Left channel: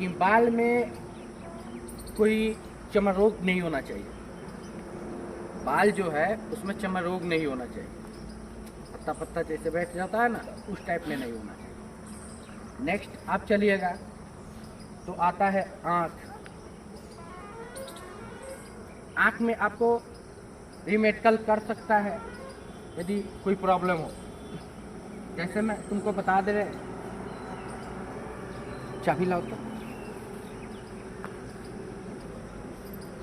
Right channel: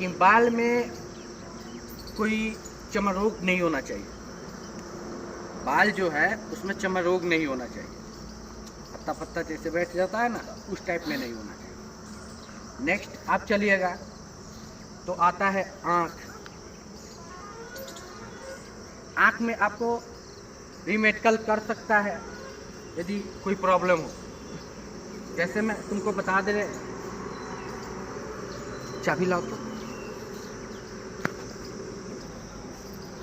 लेकिन बाल में कोई चमक रोग नहीं होना चाहिए। बाल जो है उसमें चमक रोग नहीं होना चाहिए। पत्ता पत्ता जैसे बैठ जाता है ना, उस टाइप में नहीं होना चाहिए। नेक्स्ट आप चलिएगा तो आता है आँख। आँख में आपको रीमेडिकल कर सकता है यदि कोई प्रॉब्लम हो। जैसे मैं तुमको बता दे रहे, चाबी लाओ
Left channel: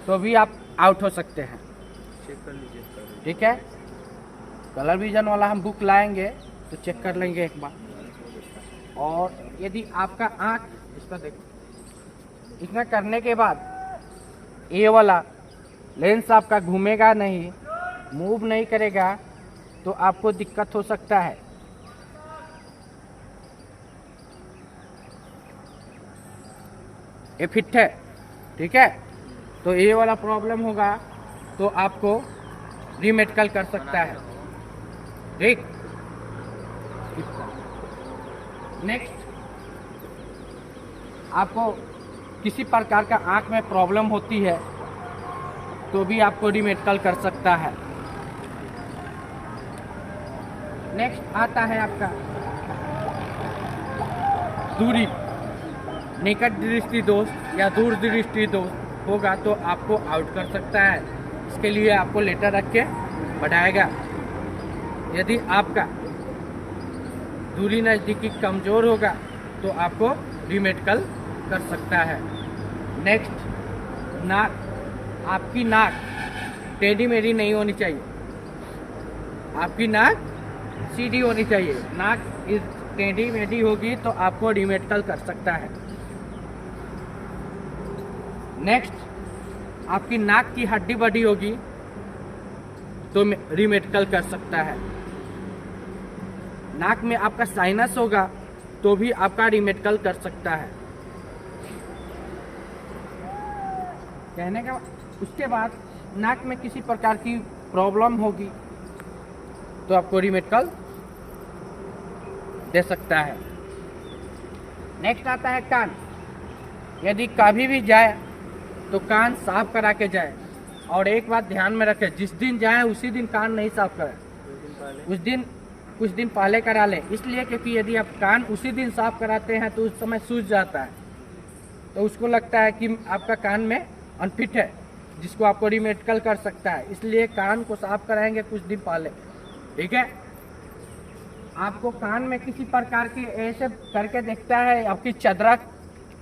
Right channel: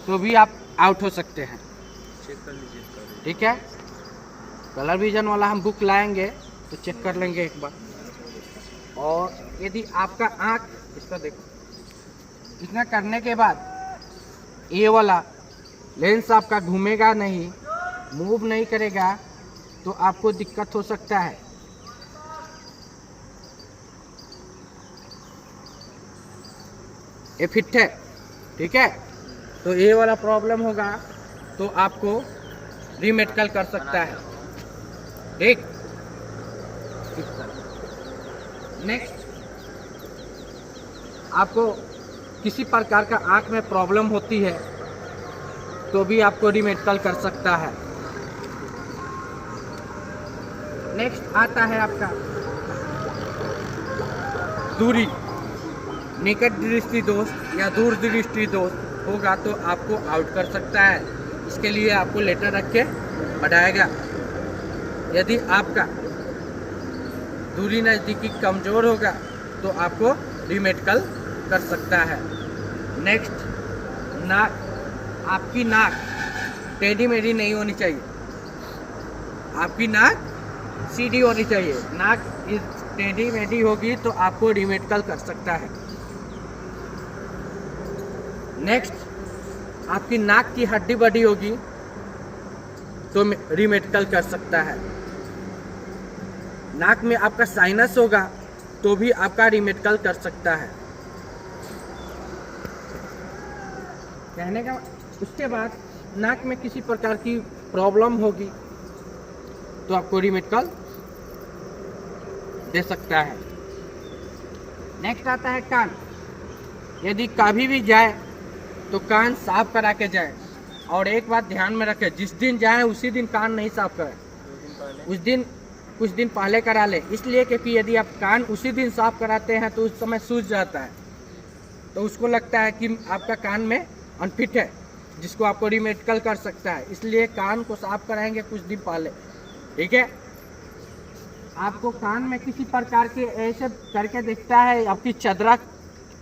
तो भी आप आउट हो सकते हैं। चेक कर लीजिए। ठीक है, कलर विजन वाला हम बुक लाएंगे तो चेक कर लेंगे एक बार। और यदि आपका आँख, इसको देखो, इतना करने के बाद ये वाला लेंस आपका घूमेगा नहीं, मूव नहीं करेगा, तो आपको दिक्कत हो सकता है। ये फिट है, ठीक है, तो ये वाला प्रॉब्लम होगा तो आपको रीमेडिकल कर सकता है। ठीक, नेक्स्ट आपको किसी प्रकार का आँख में प्रॉब्लम होती है तो भी आपको रीमेडिकल कर सकता है। नेक्स्ट आता है आपका दूरी, निकट दृष्टि दोष या दूर दृष्टि दोष होगा तो आपको आउट कर सकता है। इसके लिए आपको लेटर रख के बढ़ाएगा। यदि आपका दूरी नज़दीकी कमज़ोर होगा तो आपको रीमेडिकल कर सकता है। नेक्स्ट नाक, आपकी नाक टेढ़ी मेढ़ी नहीं होनी चाहिए, आपकी नाक सीधी होनी चाहिए। नाक इस टेढ़ी मेढ़ी होगी तो आपको रीमेडिकल कर सकता है। नेक्स्ट आपकी नाक की हड्डी बड़ी होगी तो रीमेडिकल कर सकता है। नाक में आपका साइनस होगा तो भी आपका रीमेडिकल कर सकता है। कहने का उसके बाद नाक में किसी प्रकार की प्रॉब्लम होगी तो आपको रीमेडिकल दे सकता है। नेक्स्ट आता है कान। यदि कभी भी जाए तो कान साफ करा के जाए। और एक बात ध्यान में रखें, जिस दिन जाएं उसी दिन कान नहीं साफ करें, उस दिन कुछ दिन पहले करा लें। इसलिए क्योंकि यदि आप कान उसी दिन साफ कराते हैं तो उस समय सूज जाता है, तो उसको लगता है कि आपका कान में अनफिट है, जिसको आपको रीमेडिकल कर सकता है। इसलिए कान को साफ कराएंगे कुछ दिन पहले। ठीक है, आपको कान में किसी प्रकार के ऐसे करके देखता है, आपकी चादरा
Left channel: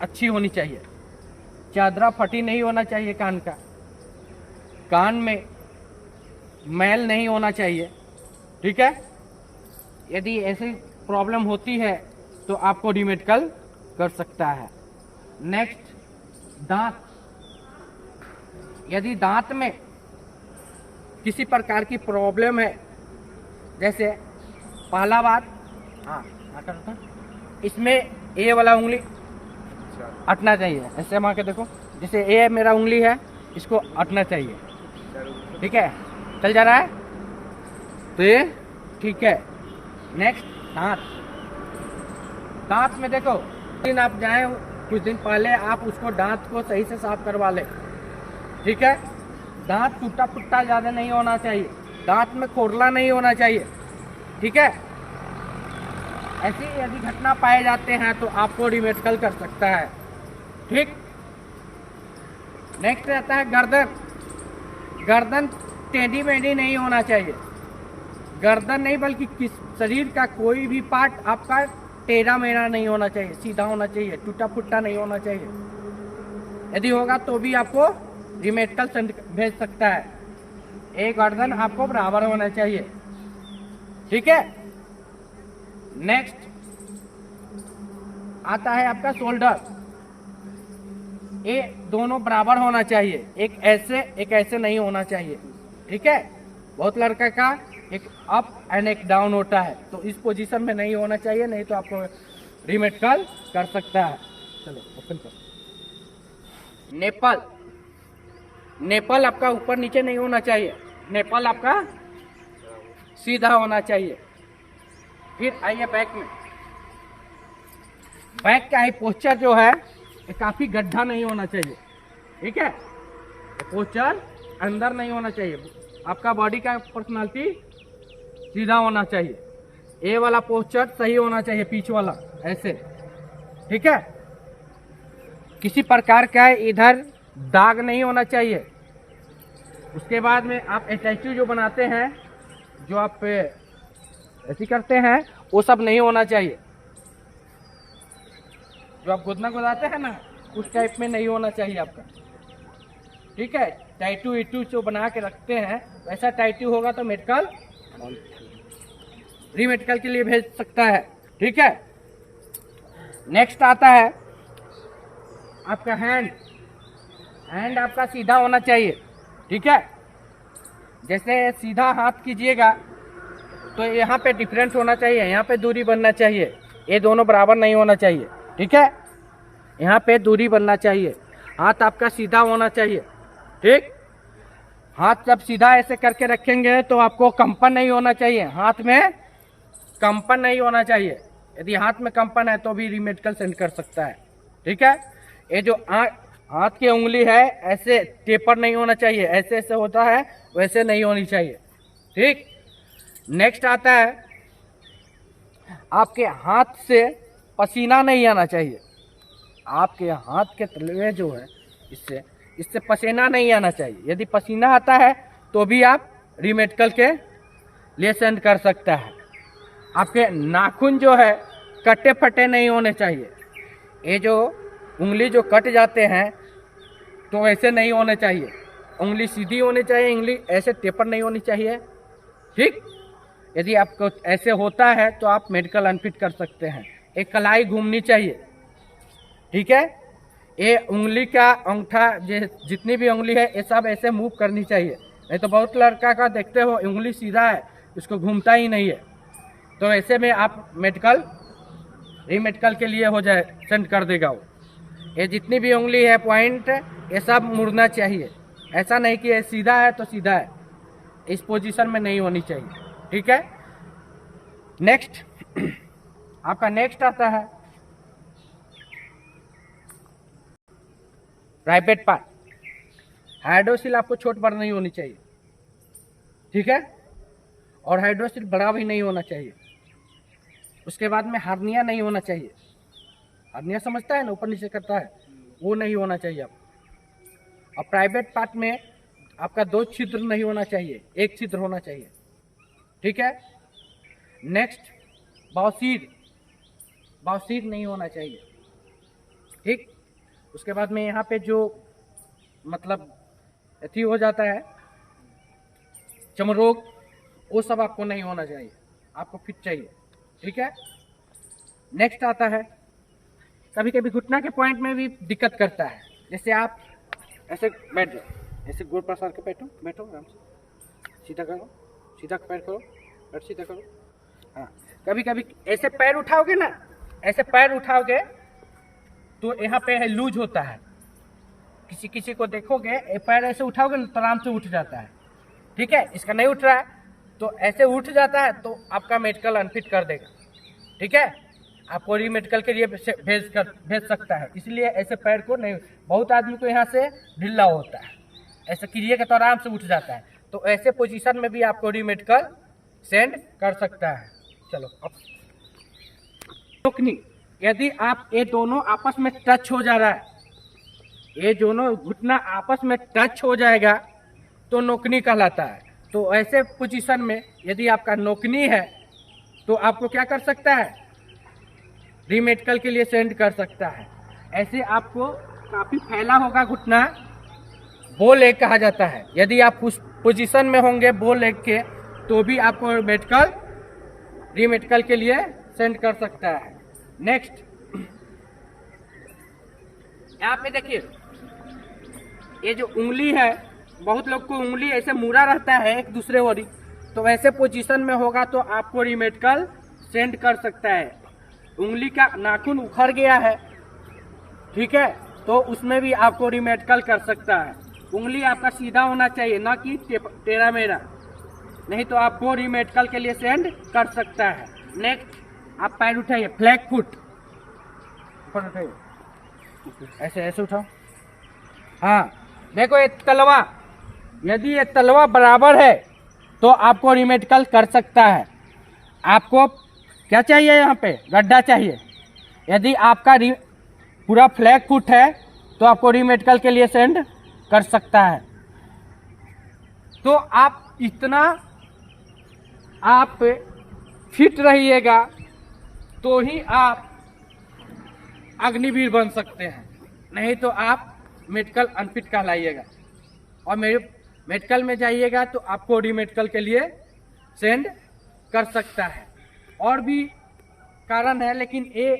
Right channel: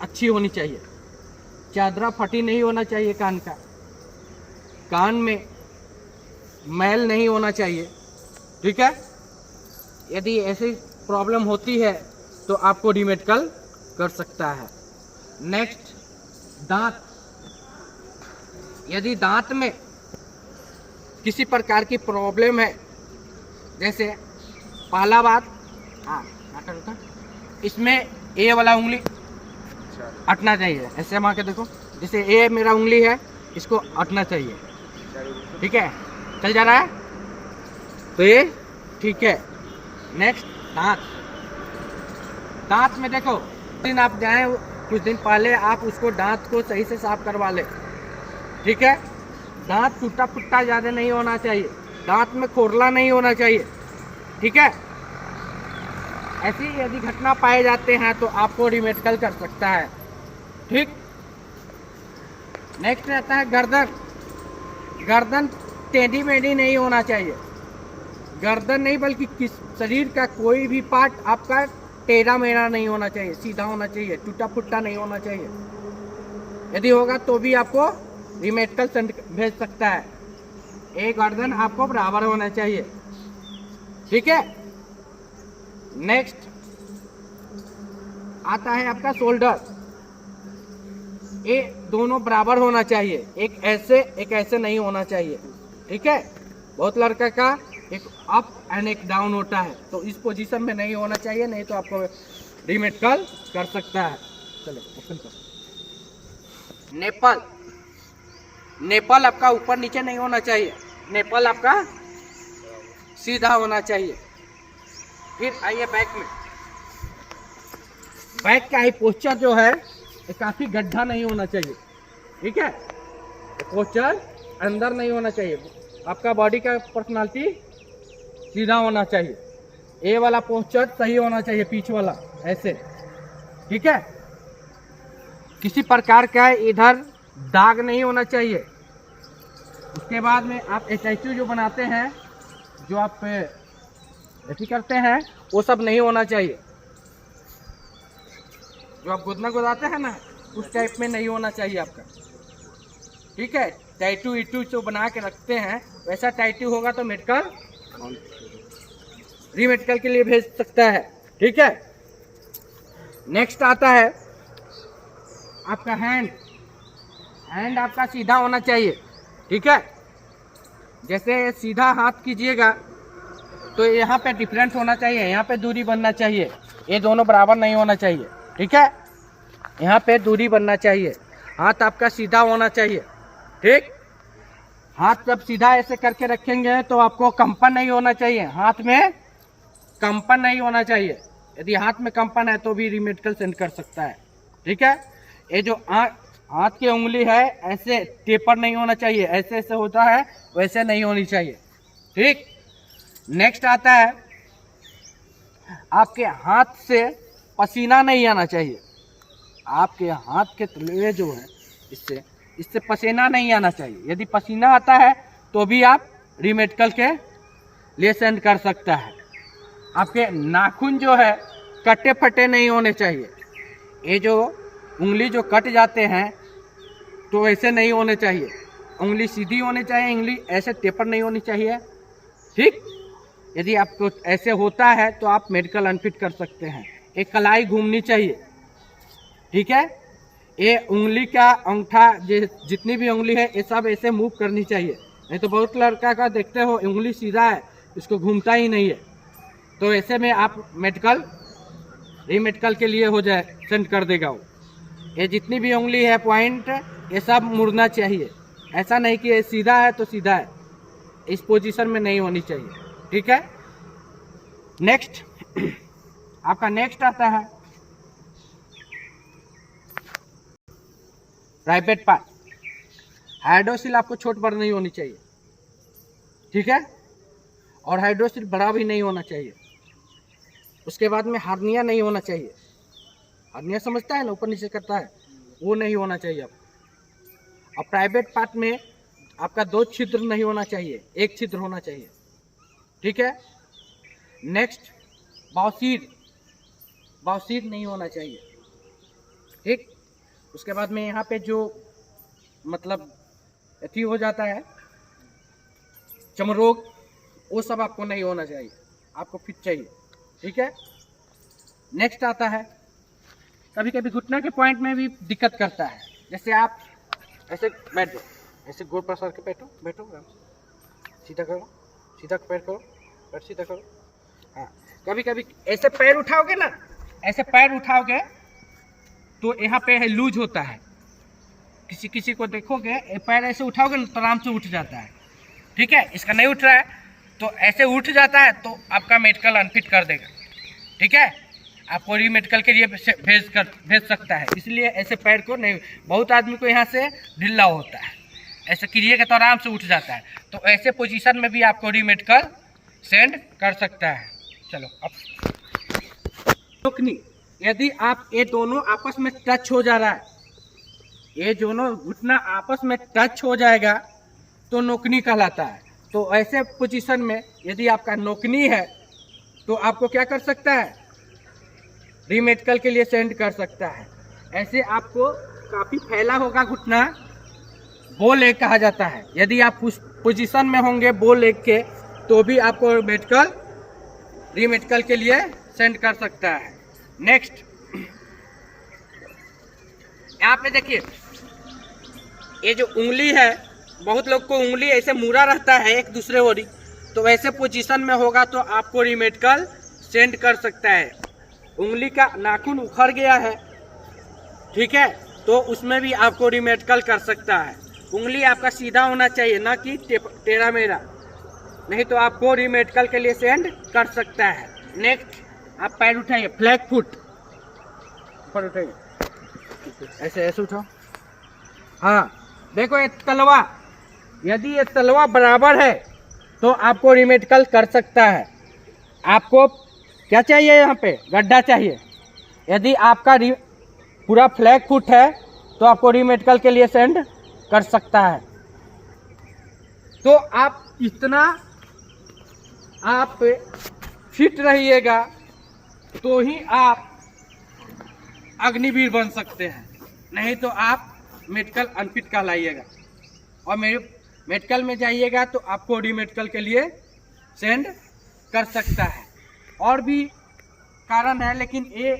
अच्छी होनी चाहिए, चादरा फटी नहीं होना चाहिए कान का, कान में मैल नहीं होना चाहिए। ठीक है, यदि ऐसी प्रॉब्लम होती है तो आपको रीमेडिकल कर सकता है। नेक्स्ट दांत। यदि दांत में किसी प्रकार की प्रॉब्लम है, जैसे पहला बात, इसमें ए वाला उंगली अटना चाहिए। ऐसे मार के देखो, जैसे ए मेरा उंगली है, इसको अटना चाहिए। ठीक है, चल जा रहा है तो ये ठीक है। नेक्स्ट दांत। दांत में देखो, दिन आप जाएं कुछ दिन पहले आप उसको दांत को सही से साफ करवा लें। ठीक है, दांत टूटा फुट्टा ज़्यादा नहीं होना चाहिए, दांत में खोरला नहीं होना चाहिए। ठीक है, ऐसी यदि घटना पाए जाते हैं तो आपको रीमेडिकल कर सकता है। ठीक, नेक्स्ट रहता है गर्दन। गर्दन टेढ़ी मेढ़ी नहीं होना चाहिए, गर्दन नहीं बल्कि किस शरीर का कोई भी पार्ट आपका टेढ़ा मेढ़ा नहीं होना चाहिए, सीधा होना चाहिए, टूटा फुट्टा नहीं होना चाहिए। यदि होगा तो भी आपको रीमेडिकल भेज सकता है। एक गर्दन आपको बराबर होना चाहिए। ठीक है, नेक्स्ट आता है आपका शोल्डर। ये दोनों बराबर होना चाहिए, एक ऐसे नहीं होना चाहिए। ठीक है, बहुत लड़के का एक अप एंड एक डाउन होता है, तो इस पोजीशन में नहीं होना चाहिए, नहीं तो आपको रीमेडिकल कर सकता है। चलो ओपन कर। नेपल। नेपल आपका ऊपर नीचे नहीं होना चाहिए, नेपल आपका सीधा होना चाहिए। फिर आइए बैक में। बैक का ही पोस्चर जो है ये काफ़ी गड्ढा नहीं होना चाहिए, ठीक है। पोस्चर अंदर नहीं होना चाहिए, आपका बॉडी का पर्सनालिटी सीधा होना चाहिए। ए वाला पोस्चर सही होना चाहिए, पीछ वाला ऐसे, ठीक है। किसी प्रकार का इधर दाग नहीं होना चाहिए। उसके बाद में आप स्टैचू जो बनाते हैं, जो आप ऐसी करते हैं, वो सब नहीं होना चाहिए। जो आप गोदना गोदाते हैं ना, उस टाइप में नहीं होना चाहिए आपका, ठीक है। टैटू इटू जो बना के रखते हैं वैसा टैटू होगा तो मेडिकल रीमेडिकल के लिए भेज सकता है, ठीक है। नेक्स्ट आता है आपका हैंड आपका सीधा होना चाहिए, ठीक है। जैसे सीधा हाथ कीजिएगा तो यहाँ पे डिफरेंस होना चाहिए, यहाँ पे दूरी बनना चाहिए, ये दोनों बराबर नहीं होना चाहिए, ठीक है। यहाँ पे दूरी बनना चाहिए, हाथ आपका सीधा होना चाहिए, ठीक। हाथ जब सीधा ऐसे करके रखेंगे तो आपको कंपन नहीं होना चाहिए, हाथ में कंपन नहीं होना चाहिए। यदि हाथ में कंपन है तो भी रीमेडिकल सेंड कर सकता है, ठीक है। ये जो हाथ की उंगली है ऐसे टेपर नहीं होना चाहिए, ऐसे ऐसे होता है वैसे नहीं होनी चाहिए, ठीक। नेक्स्ट आता है आपके हाथ से पसीना नहीं आना चाहिए। आपके हाथ के तलवे जो है इससे पसीना नहीं आना चाहिए। यदि पसीना आता है तो भी आप रीमेडिकल के लिए सेंड कर सकता है। आपके नाखून जो है कटे फटे नहीं होने चाहिए। ये जो उंगली जो कट जाते हैं तो ऐसे नहीं होने चाहिए, उंगली सीधी होनी चाहिए, उंगली ऐसे टेपर नहीं होनी चाहिए, ठीक। यदि आपको ऐसे होता है तो आप मेडिकल अनफिट कर सकते हैं। एक कलाई घूमनी चाहिए, ठीक है। ये उंगली का अंगूठा जितनी भी उंगली है ये सब ऐसे मूव करनी चाहिए, नहीं तो बहुत लड़का का देखते हो उंगली सीधा है, उसको घूमता ही नहीं है, तो ऐसे में आप रीमेडिकल के लिए हो जाए सेंड कर देगा वो। ये जितनी भी उंगली है पॉइंट ये सब मुड़ना चाहिए, ऐसा नहीं कि ये सीधा है तो सीधा है, इस पोजीशन में नहीं होनी चाहिए, ठीक है। नेक्स्ट आपका नेक्स्ट आता है प्राइवेट पार्ट। हाइड्रोसिल आपको छोट बड़ नहीं होनी चाहिए, ठीक है, और हाइड्रोसिल बड़ा भी नहीं होना चाहिए। उसके बाद में हार्निया नहीं होना चाहिए, हार्निया समझता है ना, ऊपर नीचे करता है, वो नहीं होना चाहिए आपको। और प्राइवेट पार्ट में आपका 2 छिद्र नहीं होना चाहिए, 1 छिद्र होना चाहिए, ठीक है। नेक्स्ट बावसीर नहीं होना चाहिए, ठीक। उसके बाद में यहाँ पे जो मतलब अथी हो जाता है चमरोग, वो सब आपको नहीं होना चाहिए, आपको फिट चाहिए, ठीक है। नेक्स्ट आता है कभी कभी घुटना के पॉइंट में भी दिक्कत करता है। जैसे आप ऐसे बैठो, ऐसे गोड़ पसार के बैठो, सीधा करो, सीधा पैर करो, और सीधा करो। हाँ, कभी कभी ऐसे पैर उठाओगे ना, ऐसे पैर उठाओगे तो यहाँ पे है लूज होता है। किसी को देखोगे पैर ऐसे उठाओगे ना तो आराम से उठ जाता है, ठीक है। इसका नहीं उठ रहा है तो ऐसे उठ जाता है तो आपका मेडिकल अनफिट कर देगा, ठीक है। आपको रीमेडिकल के लिए भेज सकता है, इसलिए ऐसे पैर को नहीं। बहुत आदमी को यहाँ से ढिल्ला होता है, ऐसे करिएगा तो आराम से उठ जाता है, तो ऐसे पोजीशन में भी आपको रीमेडिकल सेंड कर सकता है। चलो अब नोकनी, यदि आप ये दोनों आपस में टच हो जा रहा है, ये दोनों घुटना आपस में टच हो जाएगा तो नोकनी कहलाता है। तो ऐसे पोजीशन में यदि आपका नोकनी है तो आपको क्या कर सकता है, रीमेडिकल के लिए सेंड कर सकता है। ऐसे आपको काफ़ी फैला होगा घुटना, बो लेग कहा जाता है। यदि आप उस पोजीशन में होंगे बो लेग के तो भी आपको रीमेडिकल के लिए सेंड कर सकता है। नेक्स्ट यहाँ पे देखिए, ये जो उंगली है, बहुत लोग को उंगली ऐसे मुड़ा रहता है एक दूसरे ओर, तो वैसे पोजीशन में होगा तो आपको रीमेडिकल सेंड कर सकता है। उंगली का नाखून उखड़ गया है, ठीक है, तो उसमें भी आपको रीमेडिकल कर सकता है। उंगली आपका सीधा होना चाहिए, ना कि टेढ़ा मेढ़ा, नहीं तो आपको रीमेडिकल के लिए सेंड कर सकता है। नेक्स्ट आप पैर उठाइए, फ्लैट फुट, ऊपर उठाइए, ऐसे ऐसे उठाओ। हाँ देखो ये तलवा, यदि ये तलवा बराबर है तो आपको रीमेडिकल कर सकता है। आपको क्या चाहिए, यहाँ पे गड्ढा चाहिए। यदि आपका पूरा फ्लैग फुट है तो आपको रीमेडिकल के लिए सेंड कर सकता है। तो आप इतना आप फिट रहिएगा तो ही आप अग्निवीर बन सकते हैं, नहीं तो आप मेडिकल अनफिट कहलाइएगा। और मेरे मेडिकल में जाइएगा तो आपको रीमेडिकल के लिए सेंड कर सकता है। और भी कारण है, लेकिन ये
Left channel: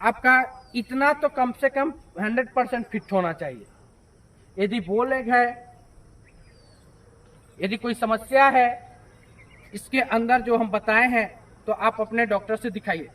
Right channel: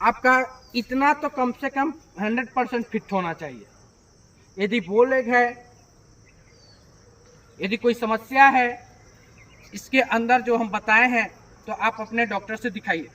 आपका इतना तो कम से कम 100% फिट होना चाहिए। यदि बोलेग है, यदि कोई समस्या है इसके अंदर जो हम बताए हैं, तो आप अपने डॉक्टर से दिखाइए।